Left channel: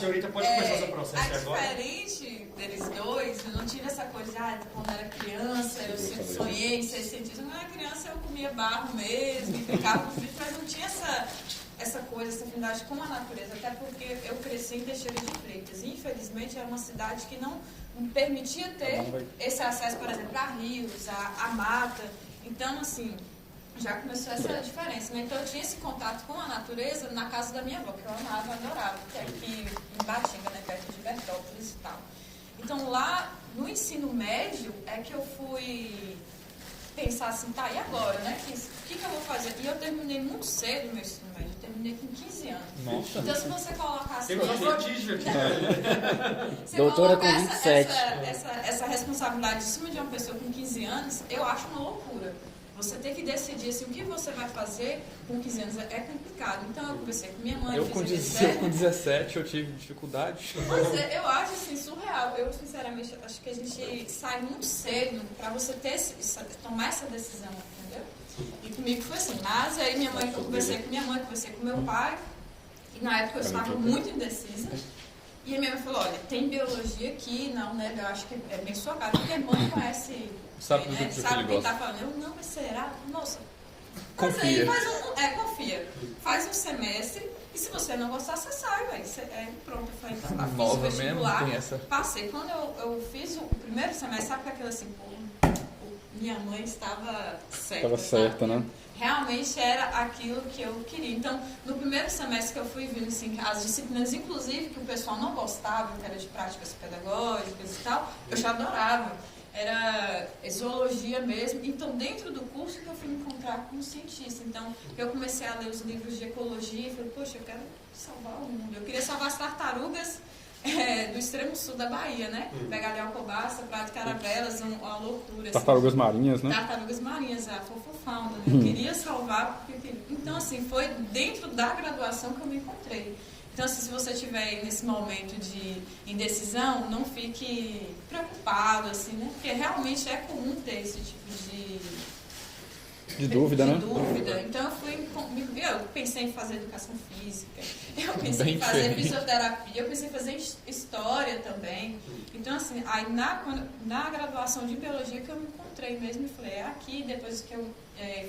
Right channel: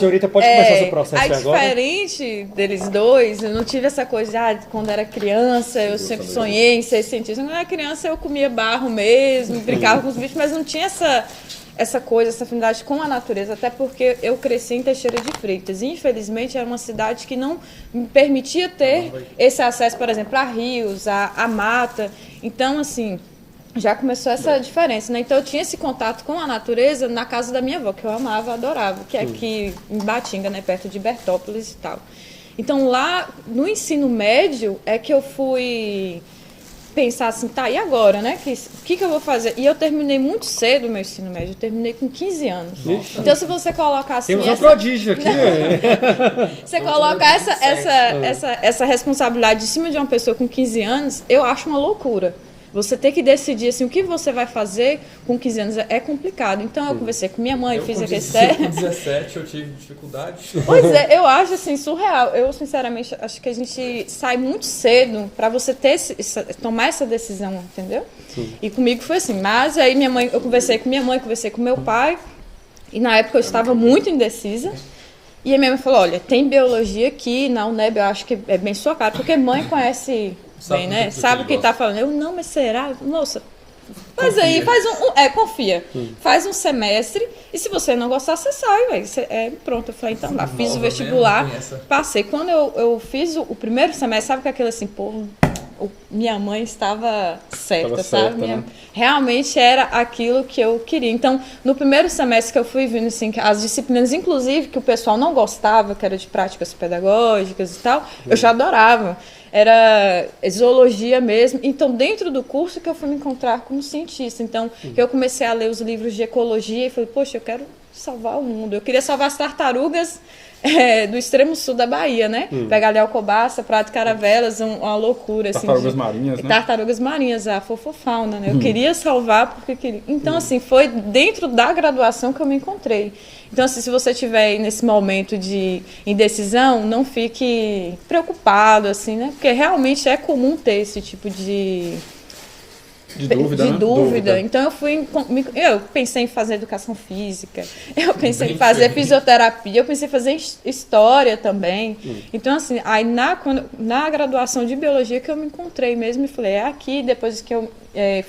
Senhorita, pode começar seu processo agora? Diferente deles dois, eu não tive essa coisa, quando era criança, eu sempre sonhei em ser cientista. Quando eu era criança, eu comia barro mesmo, brincava com os bichos, mas não tinha essa coisa, essa afinidade com a natureza, até porque eu cresci em Teixeira de Freitas. E, infelizmente, era uma cidade que não me permitia ter esse acesso, por exemplo, a rios, a mata. Então, assim, já começou essa diferença, né? Então eu tinha esse contato com a natureza na casa da minha avó, que eu amava, adorava, que é aqui em Batinga, né, perto de Bertópolis e tal. Então lá no ensino médio é que eu fui pensar assim, tá, e agora, né? O que eu vou fazer? E eu terminei muito cedo o meu ensino médio, eu terminei com 15 anos. Nossa. Então se você colocar assim... Temos um prodígio aqui, Você colocar essa responsabilidade em cima de uma pessoa com 15 anos, eu acho uma loucura. Você ter que decidir assim, o que você vai fazer com 15 anos é complicado. Então, eu conversei com minha mãe, fiz a questão. Com 17 eu tive dificuldade. Pois é, eu acho assim, surreal. Eu, sinceramente, acho que a gente sai muito cedo para você tomar essa decisão, entendeu? Sim. E comigo foi assim. Mas aí eu conversei com minha mãe, conversei com meu pai. E na época eu estava muito indecisa. E a minha mãe falou, olha, tem biologia aqui na UNEB, eu acho que é bem sua cara, porque mãe conhece... Bem, né? Sabe o que tá falando? Eu, não, mas será? Nossa, faz confia. Aí, confia. Faz um semestre e se você não gostar, você sai, velho. Pronto, eu falei, então lá, fiz o vestibular, passei. Quando eu fiz o primeiro semestre, sabe que aquilo assim, pô, minha mãe estava certa, sabe? Né? Realmente era aquilo que eu queria. Então, no primeiro semestre que eu fui vendo, assim, as disciplinas, inclusive, que o pessoal não gostava, que era de práticas pedagógicas e tal, eu já adorava. Era zoologia mesmo. Então, dentro do curso que eu fui me encontrar como cientista. Então, eu comecei a ler os livros de ecologia e falei, poxa, eu quero salvar o mundo. Eu queria salvar as tartarugas do extremo sul da Bahia, né? Pegar ali Alcobaça, Prato de Caravelas, uma loucura. Tartarugas assim, marinhas, né? Tartarugas marinhas, a fofofauna, né? Eu queria salvar porque queria. Então, assim, foi dentro da graduação que eu me encontrei. Então, assim, se você estiver nesse momento de indecisão, não fique preocupado, assim, né? Porque realmente é comum ter esse tipo de dúvida, né? Dúvida. Então, eu pensei em fazer educação física, eu pensei em fazer fisioterapia, eu pensei em fazer história também. Então, assim, aí na graduação de biologia que eu me encontrei mesmo e falei, é aqui, depois que eu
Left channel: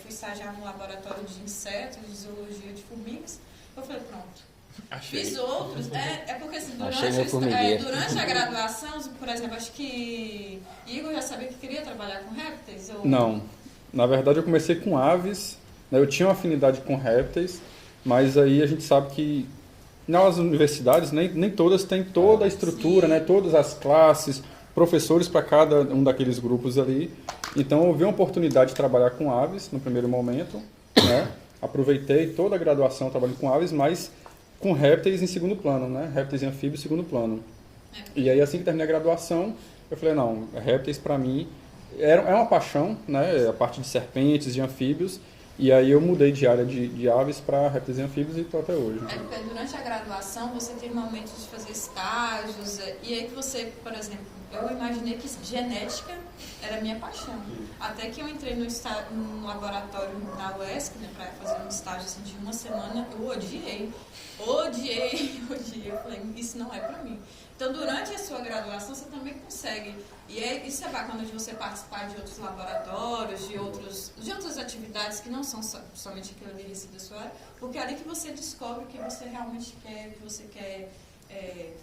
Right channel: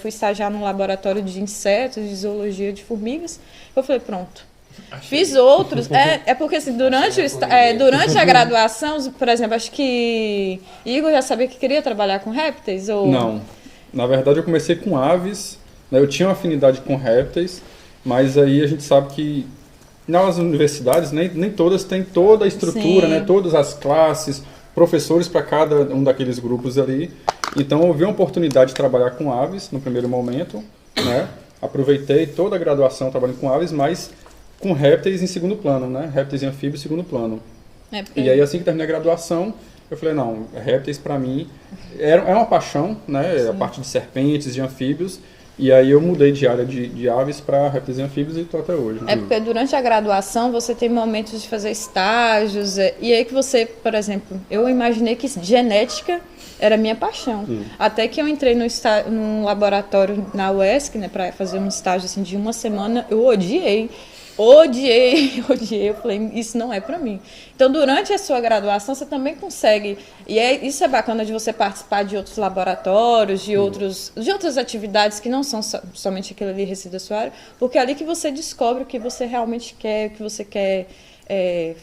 fui estagiar num laboratório de insetos, de zoologia de formigas, eu falei, pronto. Fiz outros, porque assim, durante a graduação, por exemplo, acho que Igor já sabia que queria trabalhar com répteis? Ou... Não, na verdade eu comecei com aves, né? Eu tinha uma afinidade com répteis, mas aí a gente sabe que nas universidades nem todas têm toda a estrutura, né? Todas as classes, professores para cada um daqueles grupos ali. Então eu vi uma oportunidade de trabalhar com aves no primeiro momento, né? Aproveitei toda a graduação trabalhando com aves, mas com répteis em segundo plano, né? Répteis e anfíbios em segundo plano. E aí, assim que terminei a graduação, eu falei, não, répteis para mim é uma paixão, né? Sim. A parte de serpentes, de anfíbios. E aí eu mudei de área de aves para répteis e anfíbios e estou até hoje. Porque durante a graduação você tem momentos de fazer estágios, e aí que você, por exemplo, eu imaginei que genética era minha paixão. Até que eu entrei num laboratório na UESC, né, para fazer um estágio assim, de uma semana, eu odiei. Eu falei, isso não é para mim. Então, durante a sua graduação, você também consegue, isso é bacana de você participar de outros laboratórios, de outras atividades que não são somente aquilo ali resíduo da sua área, porque é ali que você descobre o que você realmente quer, o que você quer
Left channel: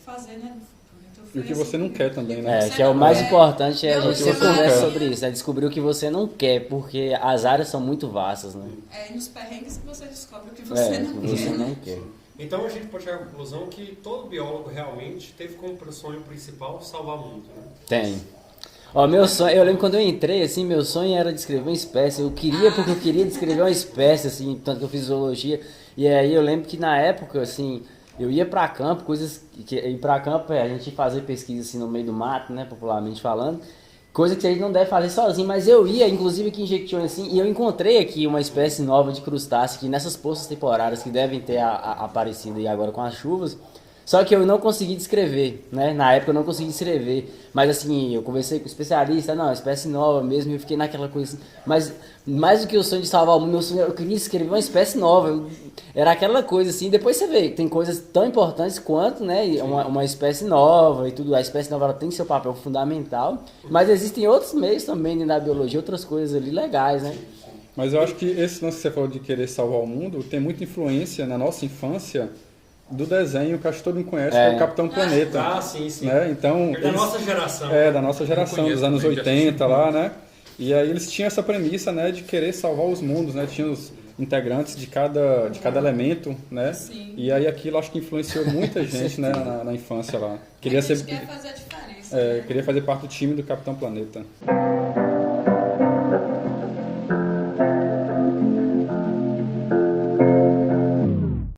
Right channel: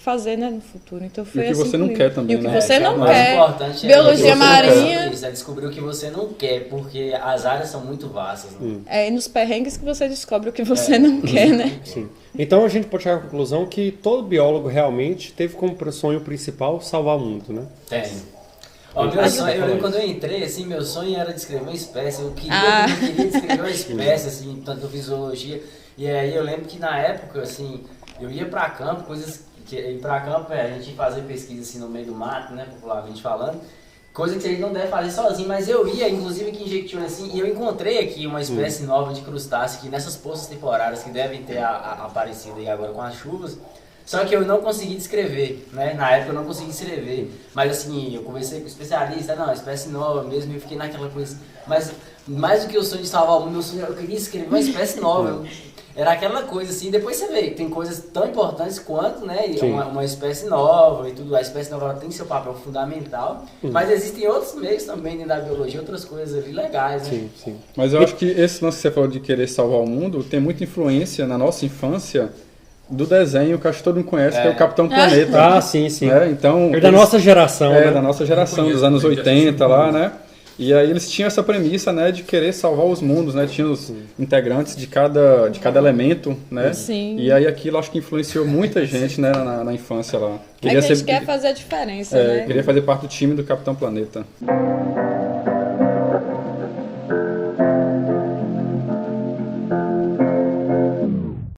fazer, né, no futuro. Então, foi e o que assim você não quer também, né? Você não o mais quer. importante Biologia marinha. Isso, é descobrir o que você não quer, porque as áreas são muito vastas, né? E nos perrengues que você descobre o que você não quer, né? Sim. Então a gente pode chegar à conclusão que todo biólogo realmente teve como sonho principal salvar o mundo, né? Tem. Meu sonho, eu lembro quando eu entrei, assim, meu sonho era descrever uma espécie. Porque eu queria descrever uma espécie, assim, tanto que eu fiz zoologia. E aí eu lembro que na época, assim, eu ia pra campo, ir pra campo, a gente ia fazer pesquisa assim no meio do mato, né, popularmente falando. Coisa que a gente não deve fazer sozinho, mas eu ia, inclusive aqui em Jequitinhonha, assim, e eu encontrei aqui uma espécie nova de crustáceo que nessas poças temporárias que devem ter aparecido aí agora com as chuvas, Só que eu não consegui descrever, né? Na época eu não consegui descrever. Mas assim, eu conversei com o especialista, não, espécie nova mesmo, e fiquei naquela coisa assim. Mas mais do que o sonho de salvar o mundo, meu sonho, eu queria escrever uma espécie nova. Era aquela coisa assim, depois você vê, tem coisas tão importantes quanto, né? Uma espécie nova e tudo. A espécie nova ela tem seu papel fundamental. Mas existem outros meios também dentro da biologia, outras coisas ali legais, né? Sim. Mas eu acho que esse lance que você falou de querer salvar o mundo tem muita influência na nossa infância do desenho que acho que todo mundo conhece, que é o Capitão Planeta. Ah, sim. Né? Então, É da nossa geração. É, né? da nossa geração, Eu dos conheço, anos também, já 80 assisti lá, muito. né? E aí eles tinham essa premissa, né, de querer salvar os mundos, né? Tinha os integrantes de cada elemento, né? Sim. E aí aquilo acho que influenciou muita gente, né, na infância lá. A gente quer fazer a diferença, né? Queria fazer parte do time do Capitão Planeta.